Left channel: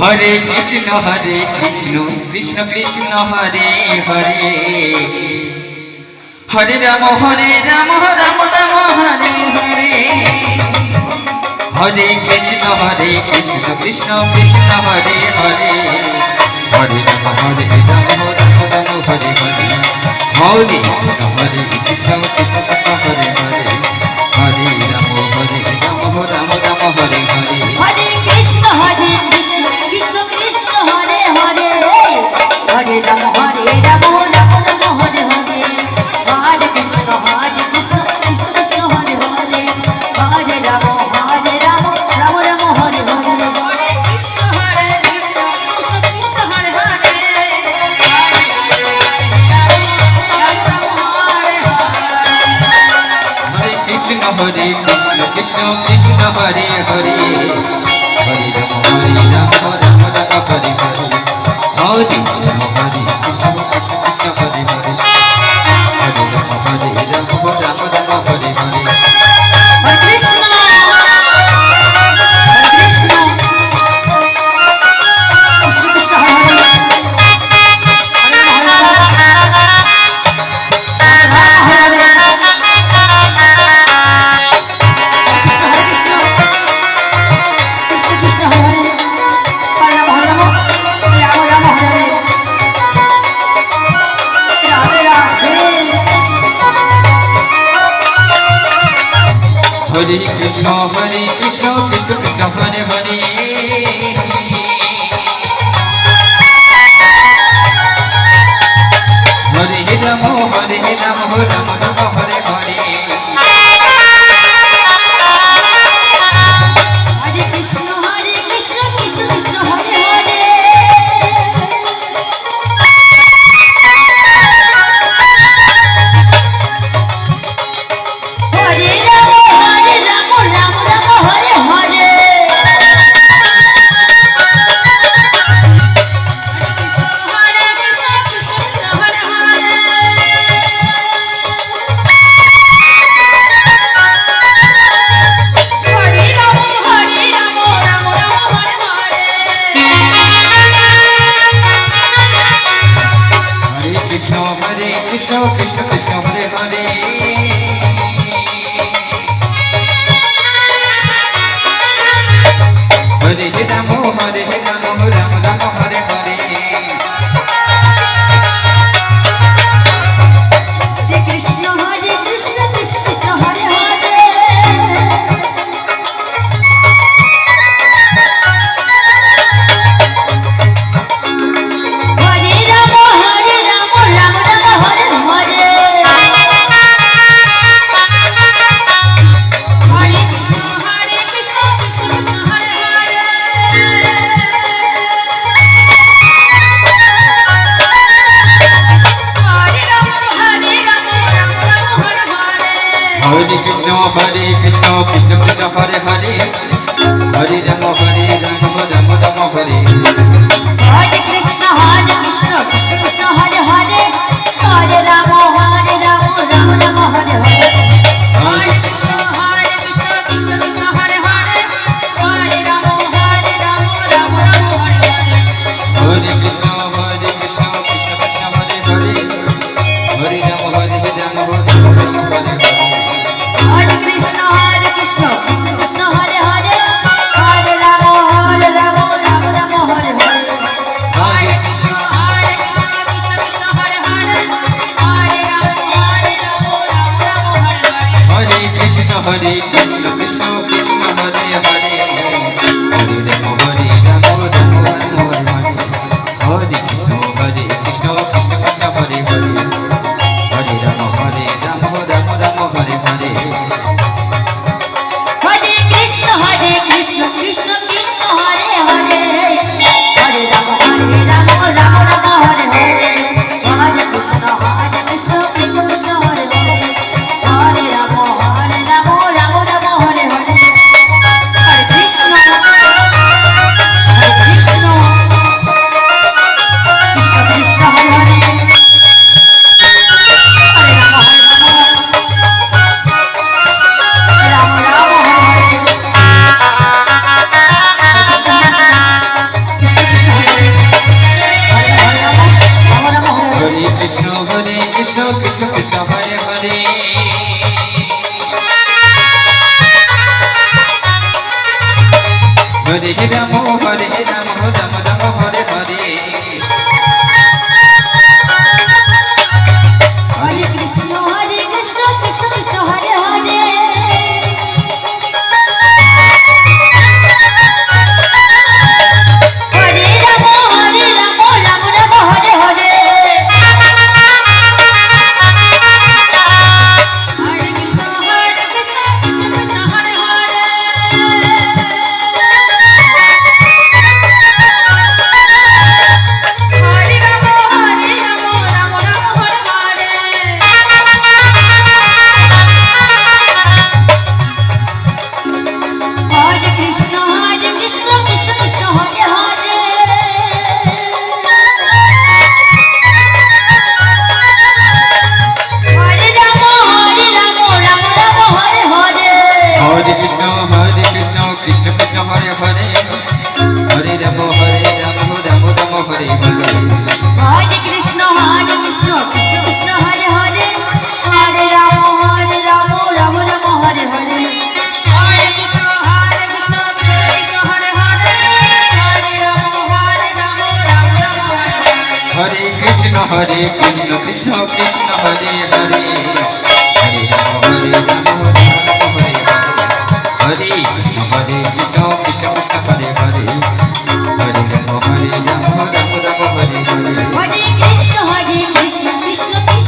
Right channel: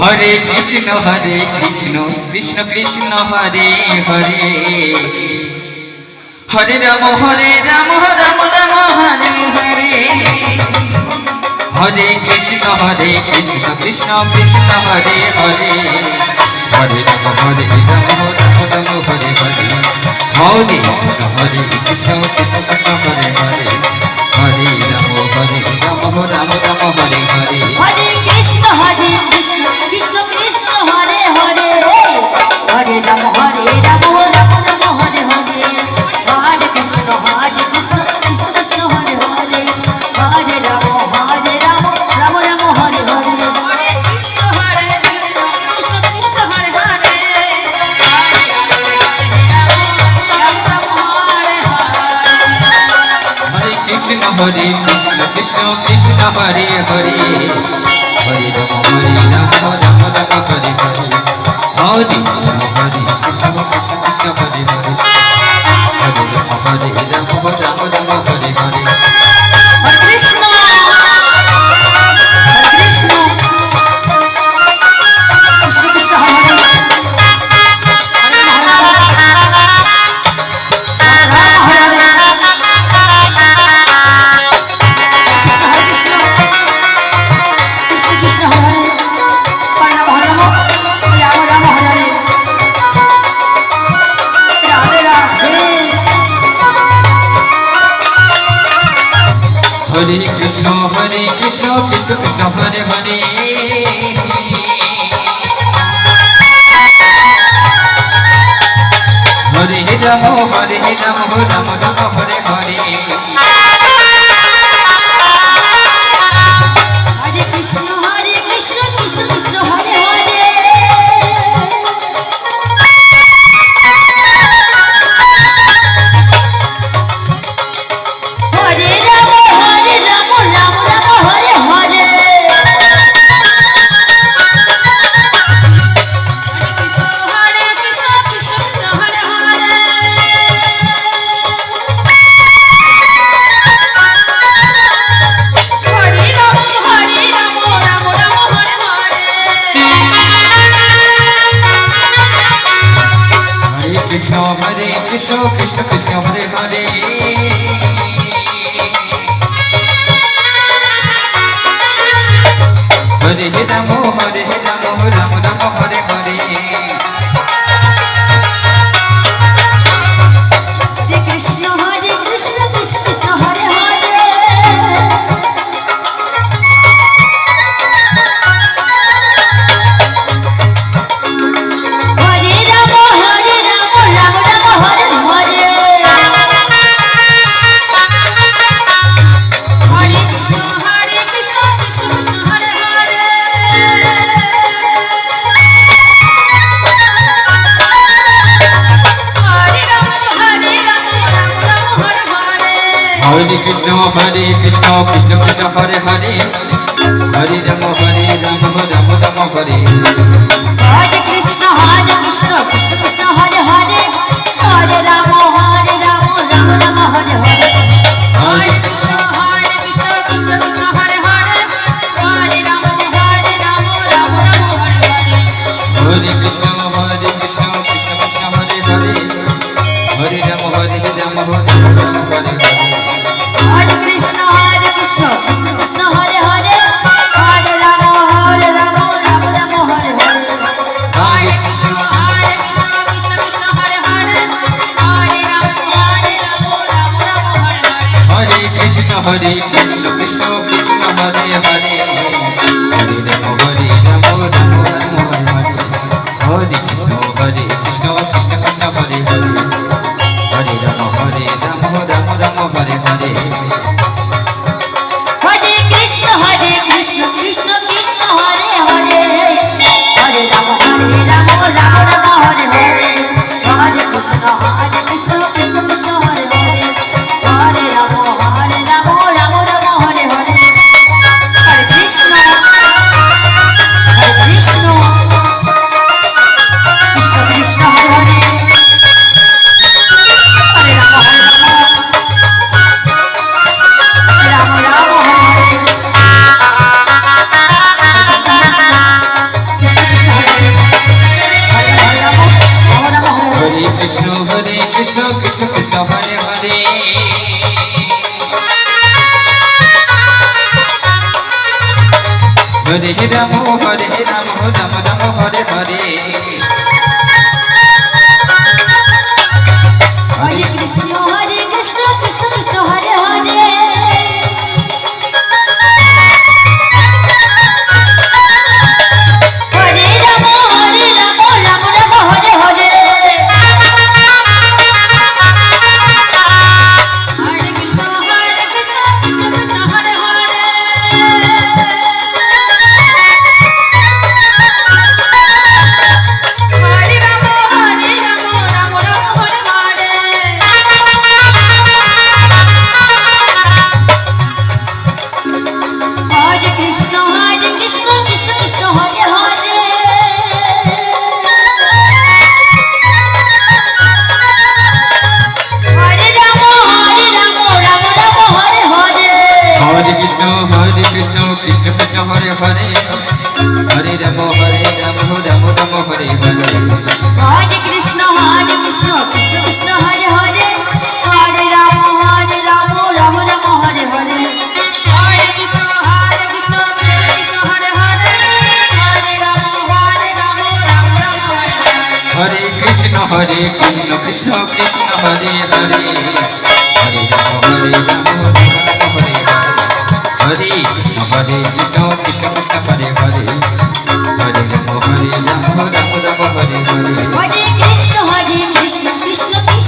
Hare Krishna Krishna Krishna Hare Hare Hare Ram Ram Ram Hare Hare Hare Krishna Krishna Krishna Hare Hare Hare Ram Ram Ram Hare Hare Hare Krishna Krishna Hare Hare Hare Ram Ram Ram Hare Hare Hare Krishna Krishna Krishna Hare Hare Hare Ram Ram Ram Hare Hare Hare Krishna Krishna Krishna Hare Hare Hare Ram Ram Ram Hare Hare Hare Krishna Krishna Krishna Hare Hare Hare Krishna Krishna Krishna Hare Hare Hare Ram Ram Ram Hare Hare Hare Krishna Krishna Krishna Hare Hare Hare Ram Ram Ram Hare Hare Hare Krishna Krishna Krishna Hare Hare Hare Krishna Krishna Krishna Hare Hare Hare Ram Ram Ram Hare Hare Hare Krishna Krishna Krishna Hare Hare Hare Ram Ram Ram Hare Hare Hare Krishna Krishna Krishna Hare Hare Hare Ram Ram Ram Hare Hare Hare Krishna Krishna Krishna Hare Hare Hare Ram Ram Ram Hare Hare Hare Krishna Krishna Krishna Hare Hare Hare Ram Ram Ram Hare Hare Hare Krishna Krishna Krishna Hare Hare Hare Ram Ram Hare Hare Hare Krishna Krishna Krishna Hare Hare Hare Ram Ram Ram Hare Hare Krishna Krishna Krishna Hare Hare Hare Ram Ram Ram Hare Hare Hare Krishna Krishna Krishna Hare Hare Hare Ram Ram Ram Hare Hare Hare Krishna Krishna Krishna Hare Hare Hare Ram Ram Hare Hare Hare Krishna Krishna Krishna Hare Hare Hare Ram Ram Ram Hare Hare Hare Krishna Krishna Krishna Hare Hare Hare Ram Ram Hare Hare Hare Krishna Krishna Krishna Hare Hare Hare Ram Ram Ram Hare Hare Hare Krishna Krishna Krishna Hare Hare Hare Ram Ram Ram Hare Hare Hare Krishna Krishna Krishna Hare Hare Hare Ram Ram Ram Hare Hare Hare Krishna Krishna Krishna Hare Hare Hare Ram Ram Ram Hare Hare Hare Krishna Krishna Krishna Hare Hare Hare Ram Ram Ram Hare Hare Hare Ram Ram Ram Hare Hare Hare Krishna Krishna Krishna Hare Hare Hare Ram Ram Ram Hare Hare Hare Krishna Krishna Krishna Hare Hare Hare Ram Ram Ram Hare Hare Hare Krishna Krishna Krishna Hare Hare Hare Ram Ram Ram Hare Hare Hare Krishna Krishna Krishna Hare Hare Hare Ram Ram Ram Hare Hare Hare Krishna Krishna Krishna Hare Hare Hare Ram Ram Ram Hare Hare Hare Krishna Krishna Krishna Hare Hare Hare Ram Ram Ram Hare Hare Hare Krishna Krishna Krishna Hare Hare Hare Ram Ram Ram Hare Hare Krishna Krishna Krishna Krishna Hare Hare Hare Ram Ram Ram Hare Hare Hare Krishna Krishna Krishna